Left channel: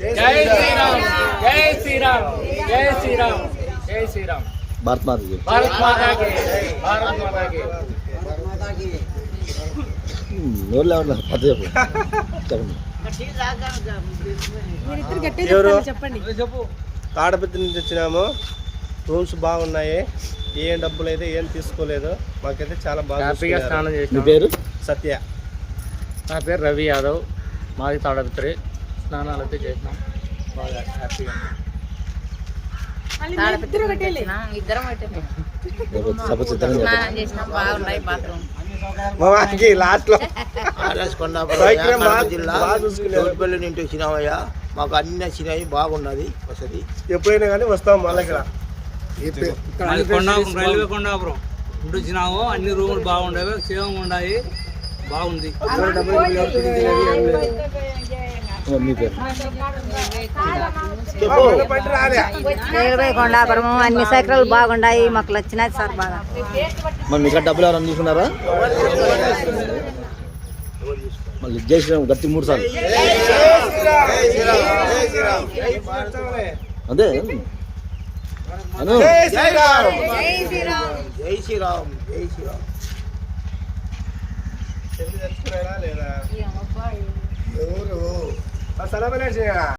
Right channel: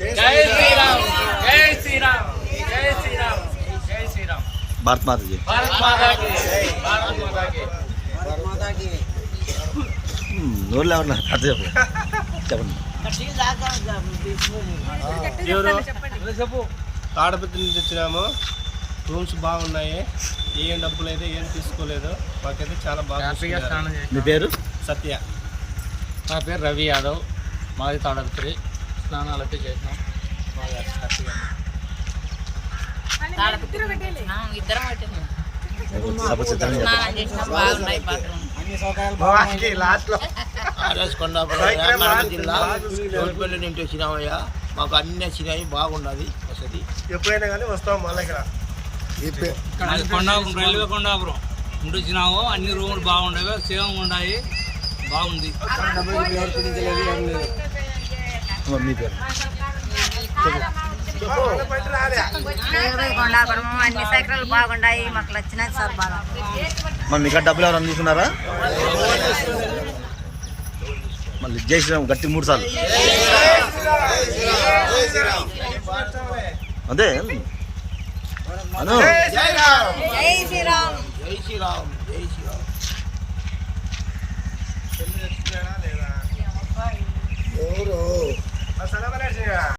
జై శ్రీరామ్ జై శ్రీరామ్ జై శ్రీరామ్ జై శ్రీరామ్ భారత్ మాతాకి భారత్ మాతాకి భారత్ మాతాకి భారత్ మాతాకి నోరు లేవట్లా కథ చెప్పండి. ఎవరు తాడపత్రి నుంచి వచ్చినాము. రూమ్స్ బాగున్నాయి. ఏం డబ్బులు అయితే ఏం తీసుకోలేదు. మాకైతే చాలా బాగా స్నానం చేసి మీ పేరు? సత్య. నా పేరు రవి యాదవ్. మాది తాడపత్రి. స్నానాలు అయితే చేసినాం. బాగా హ్యాపీగా తాడపత్రి నుంచి వచ్చినాం. ఇద్దరం సపోజ్ ఇద్దరం స్నానం చేసినాం. బాగున్నాయి బాత్రూమ్. ఆర్ఎస్ కొండాపురం కడప జిల్లా చౌటిపల్లి నుండి వచ్చినామయ్యా. మాకు అన్ని వచ్చినాయి. బాగున్నది వసతి. ఎప్పుడైనా కానీ వస్తాం మళ్ళీ ఇక్కడ. మాది కొండాపురం, రైల్వే కొండాపురం ఇంటి వచ్చినాము. అన్ని రూములు బాగుండేవి, సేవం ఉన్నాయి. బాగుంది. మీ పేరు? కొండాపురం అన్ని సైకిల్ బాగున్నాయి. మాకు వచ్చినది సార్ బాగా. మరి మీకు డబ్బులు ఎవరైనా తీసుకున్నారా? మళ్ళీ జై శ్రీరామ్ గట్టి 3 సార్లు అదే అను. జై శ్రీరామ్ జై శ్రీరామ్ జై శ్రీరామ్. ఎవరు